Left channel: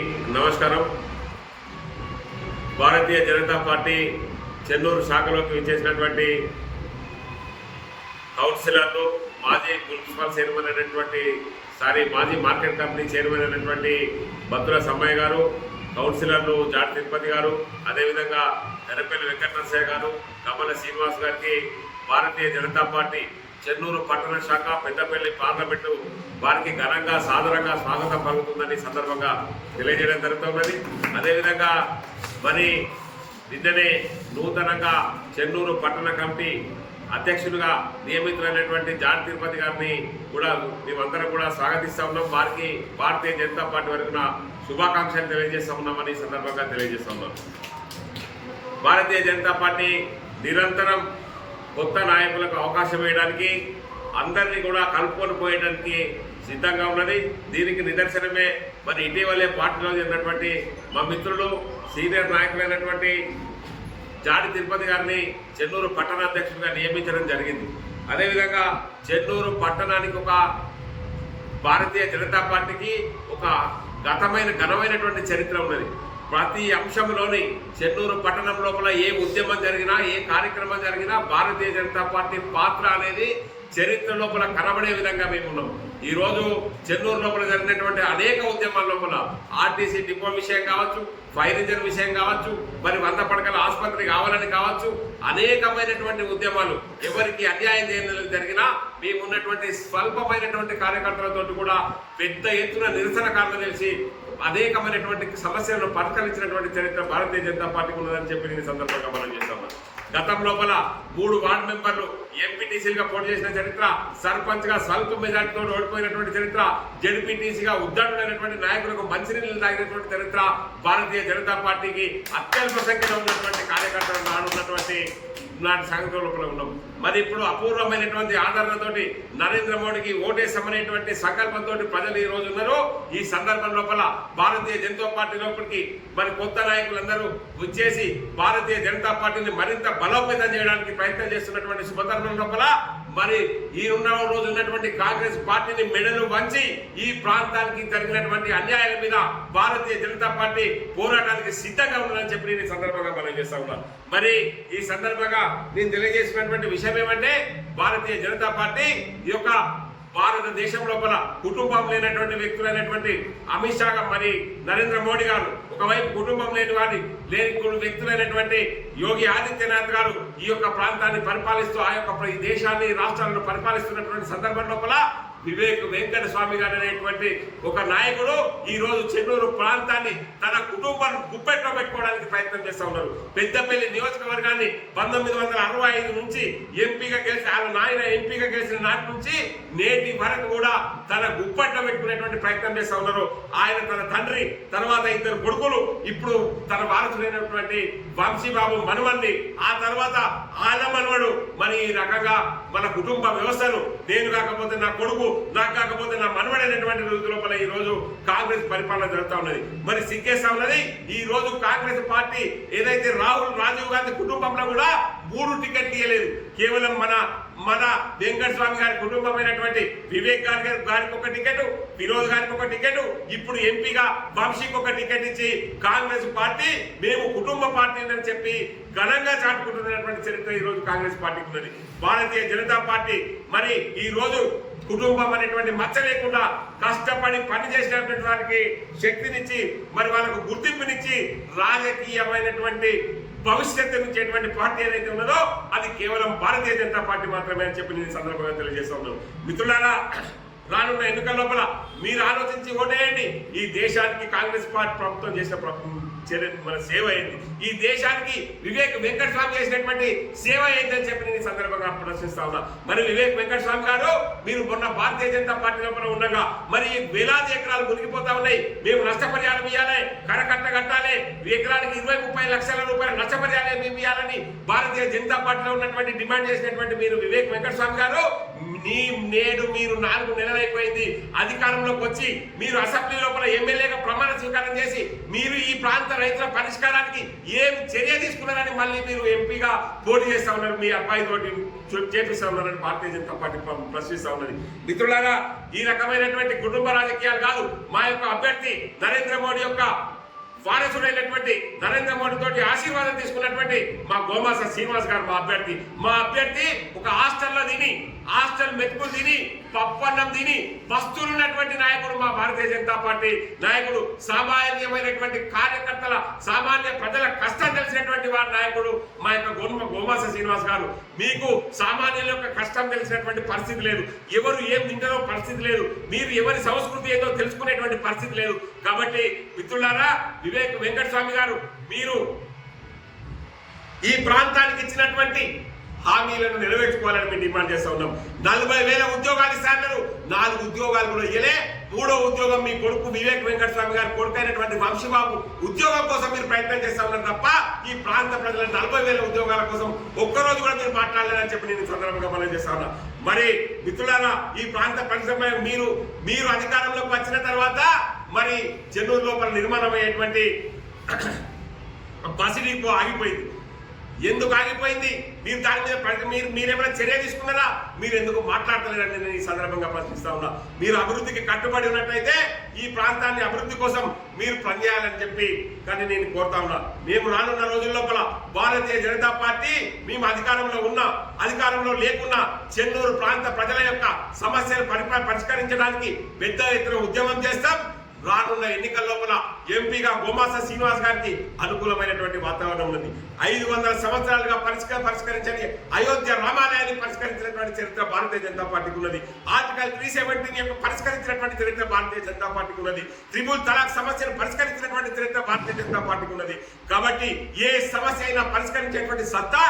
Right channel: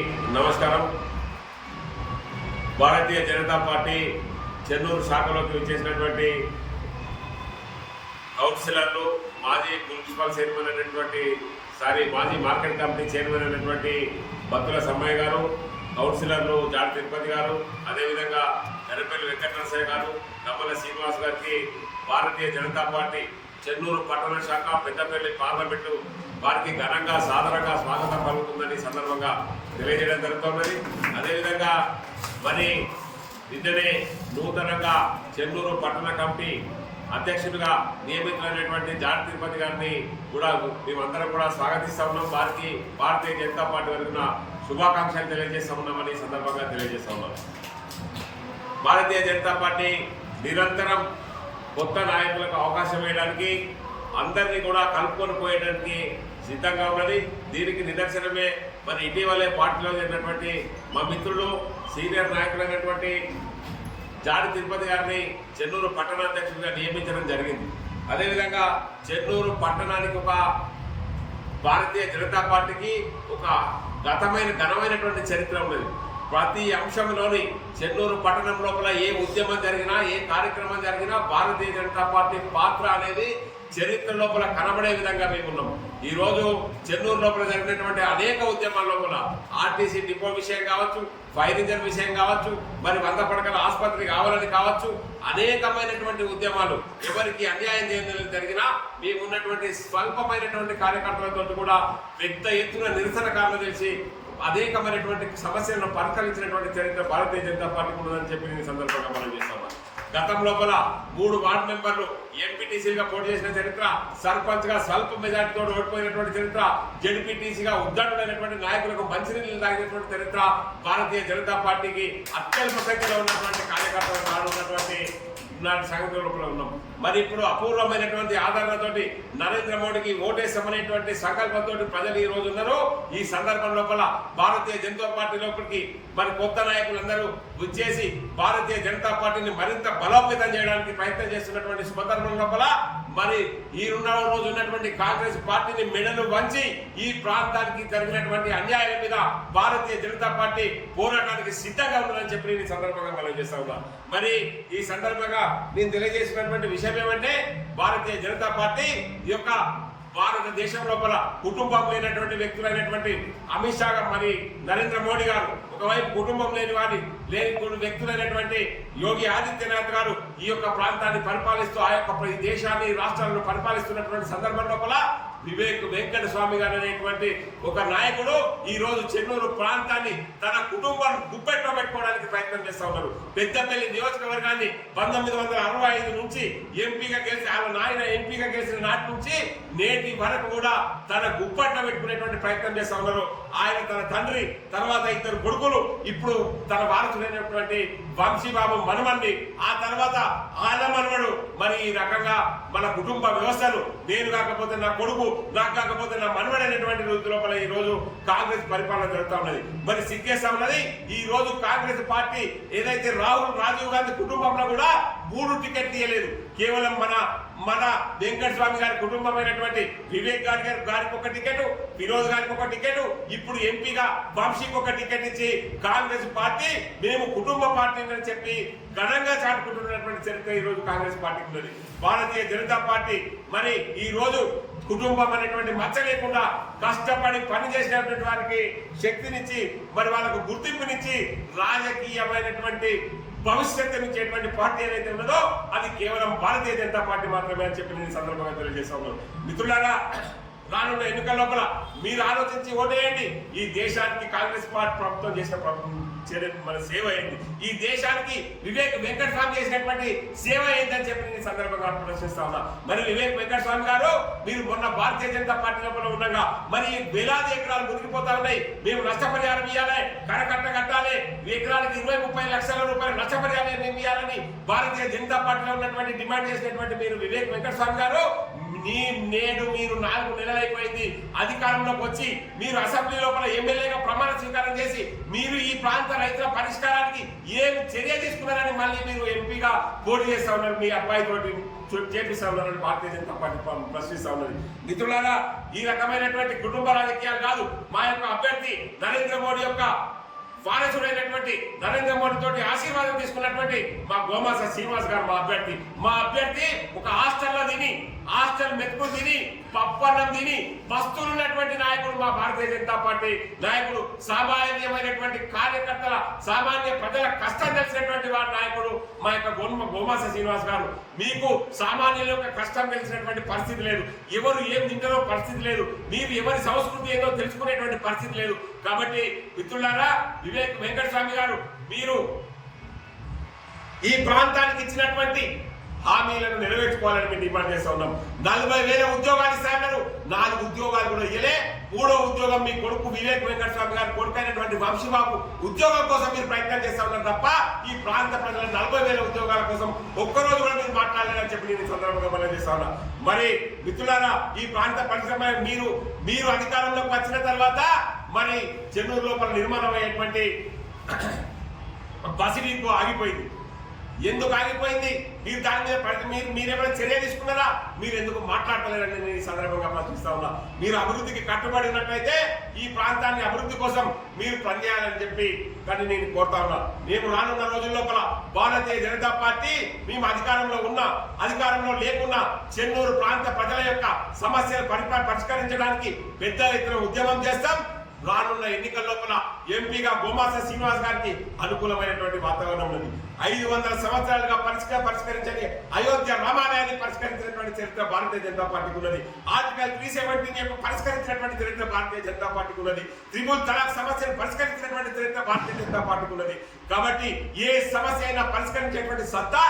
నమస్కారం. భారతీయ జనతా పార్టీ చెన్నూరు శాఖలోకి విచ్చేసినటువంటి కౌన్సిలర్లు, మాజీ మున్సిపల్ చైర్మన్ అయినటువంటి మాజీ మార్కెట్ కమిటీ చైర్మన్ అయినటువంటి బత్తుల సమ్మయ్య గారు, కౌన్సిలర్లు జాడి తిరుపతి గారు, అదేవిధంగా గరపల్లి వెంకటనరసయ్య గారు, కమ్మల శ్రీనివాస్ గారికి భారతీయ జనతా పార్టీ చెన్నూరు పట్టణ శాఖ పెద్దపల్లి పార్లమెంటు వారికి ఘనంగా సాదరంగా స్వాగతం పలుకుతుందని సందర్భంగా తెలియజేయడం జరుగుతున్నది. అదేవిధంగా మరి నిన్ననే నూతనంగా చెన్నూరు పట్టణ కమిటీ అధ్యక్షులుగా నియమితులైనటువంటి జాడి తిరుపతి గారిని కూడా మేమందరం కూడా స్వాగతిస్తూ ఉన్నాం. వారికి భారతీయ జనతా పార్టీ వరకున శుభాకాంక్షలు తెలియజేస్తూ ఉన్నామని సందర్భంగా తెలియజేస్తూ ఉన్నాం. భారతీయ జనతా పార్టీ నిరంతరం కొత్త నాయకులకు అవకాశం వేయడానికి, అందరినీ కూడా కలుపుకొని పోయడానికి సిద్ధంగా ఉన్నది. దీనికి నిదర్శనమే మరి ఇటీవలే పార్టీలో చేరినటువంటి మా మిత్రులు సీనియర్ నాయకులైనటువంటి జాడి తిరుపతి గారిని చెన్నూరు పట్టణాధ్యక్షుడిగా నియమించడం జరిగింది. అదేవిధంగా చెన్నూరు పట్టణానికి ఒక భారతీయ జనతా పార్టీకి ఒక ఘనమైనటువంటి చరిత్ర ఉన్నది. ప్రతి అంశంలోని చెన్నూరు పట్టణం లోపల ఏ ఉద్యమం జరిగినా, ఏ కార్యక్రమం జరిగినా భారతీయ జనతా పార్టీ పాత్ర అనేది చరిత్ర లోపల కనబడే విధంగా మేము ఉన్నాం. ఈరోజు చెన్నూరు లోపల జరిగినటువంటి అనేక ఉద్యమాల లోపల ఆర్టీసీ డిపో విషయం కావచ్చు, ఫైర్ ఇంజన్ విషయం కావచ్చు, మరి 100 పడకల ఆసుపత్రి కావాలని కావచ్చు, అనేకమైనటువంటి ఉద్యమాలు ఎవరికి అన్యాయం చేయడం జరిగినా మేము ఉన్నటువంటి స్వల్పమైనటువంటి కార్యకర్తలతో కూడా పెద్ద ఎత్తున నిరసనకారులు తెలిసి అనేకమైనటువంటి సమస్యలను పరిష్కరించినటువంటి చరిత్ర భారతీయ జనతా పార్టీకి ఉన్నదని చెప్పి నేను సందర్భంగా మనం చేస్తా ఉన్నాను. గతం లోపల 3 వార్డు మెంబర్లు ఎంపీటీసీలుగా పోటీ చేసిన చరిత్ర, సర్పంచ్ గా స్వల్ప మెజార్టీతో ఓడిపోయినటువంటి చరిత్ర, జడ్పీటీసీగా ఉద్దండులైనటువంటి నాయకులకు మంచినీళ్ళు తాగినటువంటి చరిత్ర భారతీయ జనతా పార్టీకి అత్యల్ప సంఖ్యలో ఉన్నటువంటి కార్యకర్తలు నాడు ఉన్నటువంటి సంగతి లోపల ఉన్నాం. మరి ఇప్పుడు అపూర్వమైనటువంటి ఆదరణతోటి నరేంద్ర మోడీకి ఓటేసామనేటువంటి సంకల్పంతో ప్రజలు ఈ రోజు ఉన్నారు. ఈ సందర్భం లోపల భారతీయ జనతా పార్టీ లోపలికి మరి కొత్త నాయకులందరూ వచ్చేసి భారతీయ జనతా పార్టీని మరింత బలోపేతం చేయడానికి ప్రయత్నం చేస్తున్నటువంటి సందర్భం లోపల మరి ఈ రోజు ఉన్నటువంటి కాంగ్రెస్ పార్టీని మెడలు వంచి ఈ ప్రాంతానికి జరిగినటువంటి అన్యాయాల మీద భారతీయ జనతా పార్టీ పోరాటానికి సిద్ధంగా ఉందని చెప్పి నేను సందర్భంగా మనం చేస్తా ఉన్నాను. మరి ఈ సందర్భంగా నేను తెలియజేసినటువంటి విషయం ఏమంటే, భారతీయ జనతా పార్టీ ఈ యొక్క భారతదేశం లోపల కుటుంబం లేనటువంటి వ్యక్తులైనటువంటి అమిత్ షా మరి నరేంద్ర మోడీ గారు, ఒకవైపు కుటుంబం లేని వ్యక్తులైనటువంటి యోగి ఆదిత్యనాథ్ గారు ఈ యొక్క ప్రాంతాన్ని పరిపాలిస్తూ ఆ యొక్క ఈ దేశాన్ని రాష్ట్రాలను పరిపాలిస్తున్నటువంటి సందర్భం లోపల వివేక్ వెంకట స్వామి గారు అనేటువంటి ఒక నాయకుడు ఈ రోజు చెన్నూరు ప్రాంతాన్ని తన కుటుంబాన్ని గుప్పెట్లో పెట్టుకోవడానికి ప్రయత్నం చేస్తా ఉన్నారు. పెద్దపల్లి నియోజకవర్గాన్ని 1965 నుంచి ఎంపీగా గెలిచి నాయన ఎంపీగా గెలిచిన నాటి నుంచి నేటి వరకు కూడా తన గుప్పెట్లో పెట్టుకునేటువంటి ప్రయత్నం చేస్తా ఉన్నారు. ఆయన తన తండ్రి, తర్వాత 2 కొడుకులు, ఇప్పుడు తన వారసుడైనటువంటి వంశీబాబు మనమన్ని, ఆ తర్వాత ఆల మనవడు. మరి ఈ రకంగా మన కుటుంబ వ్యవస్థను నేను కాకపోతే నా కొడుకు, నాకు కాకపోతే నా మనవడైనటువంటి రోజు లోపల ఈ రోజు కాంగ్రెస్ పరిపాలన జరుగుతూ ఉన్నది. మరి సిగ్గేస్తా ఉన్నది, ఈ రోజు కాంగ్రెస్ పార్టీ ఏదైతే రాజీవ్ గాంధీ కుటుంబంలో కూడా 3 టికెట్లు ఇవ్వలేదు. కేవలం మన వెంకట స్వామి గారి కుటుంబమైనటువంటి వివేక్ గారికి ఒక టికెట్, ఫిరోజ్ గారికి ఒక టికెట్, ఇప్పుడు ఎంపీగా వంశీకి ఒక టికెట్ ఇచ్చి కాంగ్రెస్ పార్టీ మేము కుటుంబ పార్టీ అని చెప్పి ఘనంగా చాటుకుంటున్నటువంటి చరిత్ర ఈ రోజు కాంగ్రెస్ పార్టీకి ఉన్నది. భారతీయ జనతా పార్టీ మరి ఈ రోజు కుటుంబం అనేటువంటి మచ్చ లేకుండా కష్టపడి పనిచేసినటువంటి వారికి శక్తినిచ్చి మరి వాళ్ళకు గుర్తింపునిచ్చి రాజకీయమైనటువంటి భవిష్యత్తునిచ్చేటువంటి పార్టీ ఏదైతే ఉన్నదో అది కేవలం భారతీయ జనతా పార్టీ మాత్రమే అని చెప్పి నేను సందర్భంగా తెలియజేస్తా ఉన్నాను. మిత్రులారా, రానున్న ఎన్నికల లోపల మీరు ఆలోచించి ఓటేయండి. ఈ దేశానికి కాంగ్రెస్ పార్టీ ప్రభుత్వం చేసిన మన సేవ ఏంటి, ఈ దేశానికి వివేక్ వెంకట స్వామి చేసినటువంటి సేవ ఏంటని చెప్పి నేను సందర్భంగా ప్రశ్నిస్తా ఉన్నా. మరి వివేక్ వెంకట స్వామి గారు, మీరు మొన్న భారతీయ జనతా పార్టీ లోపల ఉండగా మరి వేలాది ఎకరాలు మునిగిపోతా ఉన్నాయి, మేము నష్టపరిహారం ఇవ్వాలి, కరకట్ట కట్టాలి, ఎకరానికి 20-30 లక్షల రూపాయల నష్టపరిహారం మేము ఇవ్వాలని భారతీయ జనతా పార్టీలో ఉన్నటువంటి డిమాండ్ చేసినటువంటి మీరు వివేక్ వెంకట స్వామి గారు నేడు మీరు 4 నెలలైపోయింది అధికారంలోకి వచ్చి మీరు అసెంబ్లీ లోపల ఎమ్మెల్యేగా ప్రమాణ స్వీకారం చేసి మీరు ఈ ప్రాంత రైతుల పరిష్కారానికి ఏం చర్య తీసుకున్నారని మళ్ళీ మీరు ఎంపీగా పోటీ చేస్తా ఉన్నారు, మీ అబ్బాయి తోటి చేపిస్తా ఉన్నారని భారతీయ జనతా పార్టీ ప్రశ్నిస్తా ఉన్నది. మిత్రులారా, ఈ రకమైనటువంటి కుటుంబ రాజకీయాలు కాదు. మా యొక్క అభ్యర్థి నరేంద్ర మోడీ యొక్క వారసుడైనటువంటి నరేంద్ర మోడీ తోటి ఆశీర్వాదం తీసుకున్నటువంటి మా గోమాస శ్రీనివాస్ గారు మా అభ్యర్థి ఒక హాస్టల్లో తిని హాస్టల్ మెతుకులు తిని పప్పన్నం తిని వస్తున్నటువంటి నాయకుడు మా భారతీయ జనతా పార్టీ నాయకుడు, సామాన్యమైనటువంటి కార్యకర్తల సామాన్య ప్రజల కష్టం తెలిసినటువంటి వారి నాయకుడు మా యొక్క గోమాస శ్రీనివాస్ గారు. మీకు సామాన్యుల యొక్క కష్టం తెలిసినటువంటి పరిస్థితి లేదు, ఎవరు ఏం తింటారో పరిస్థితి లేదు, మీరు ఎవరి సంస్కృతి ఏదో తెలుసుకునేటువంటి పరిస్థితి లేదు. కాబట్టి మిత్రులారా, వివేక్ వెంకటస్వామి గారు, మీరు ఈ ప్రాంతానికి ఇచ్చినటువంటి హామీలను నెరవేర్చుకోవాలని మేము డిమాండ్ చేస్తా ఉన్నాం. 40,000 ఉద్యోగాలు ఇస్తారన్నారు, 4 ఉద్యోగాలు కూడా ఇయ్యలే. 3వ ఉద్యోగం మీ కొడుకు వివేక్ వెంకటస్వామి గారు కొడుకు అయినటువంటి వంశీబాబు ఉద్యోగం కోసం మీరు ప్రయత్నం చేస్తా ఉన్నారు తప్ప ఈ ప్రాంత ప్రజల 40,000 ఉద్యోగాల కోసం ఒక్కరోజు కూడా మీరు మాట్లాడలేదని చెప్పి నేను సందర్భంగా మనం చేస్తా ఉన్నా. మరి మిత్రులారా, ఈ ప్రాంత పరిశ్రమ మీరు అధికారంలోకి వచ్చిన తర్వాత మరి చెన్నూరు లోపల నిర్మాణం అయ్యేటువంటి బస్ డిపో ఆగిపోయింది. ఎందుకు ఆగిపోయింది? మీరు దాని మీద మీరేమైనా చర్య తీసుకున్నారా? మీరు ఎందుకు మాట్లాడతలేరని నేను ఈ సందర్భంగా ప్రశ్నిస్తా ఉన్నా. మీరు అభివృద్ధికి కట్టుబడి ఉన్నట్లయితే ఈ ప్రాంతాన్ని అభివృద్ధి కోసం మీరు పనిచేయాలని చెప్పి కానీ నేను కోరుతా ఉన్నా. మేము రానున్న రోజుల లోపల భారతీయ జనతా పార్టీ మేము అధికారంలో ఉన్నా అధికారంలో లేకున్నా చెన్నూరు ప్రాంత ప్రజల యొక్క సమస్యలు పరిష్కరించడానికి పెద్ద ఎత్తున ఉద్యమం చేస్తాం. రానున్న ఎన్నికల లోపల ఎంపీగా గోమాస శ్రీనివాస్ గారికి అనుకూలమైనటువంటి వాతావరణం ఉన్నది. 500 సంవత్సరాలుగా పరిష్కరించని అయోధ్య రామాలయాన్ని పరిష్కరించినటువంటి చరిత్ర భారతీయ జనతా పార్టీకి ఉన్నది. ఆర్టికల్ 370 యొక్క పరిష్కరించినటువంటి చరిత్ర భారతీయ జనతా పార్టీకి ఉన్నది. త్రిపుల్ తలాక్ సమస్యను పరిష్కరించినటువంటి చరిత్ర భారతీయ జనతా పార్టీకి ఉన్నది. కాబట్టి ఏ సమస్య అయినా పరిష్కరించేటువంటి సత్తా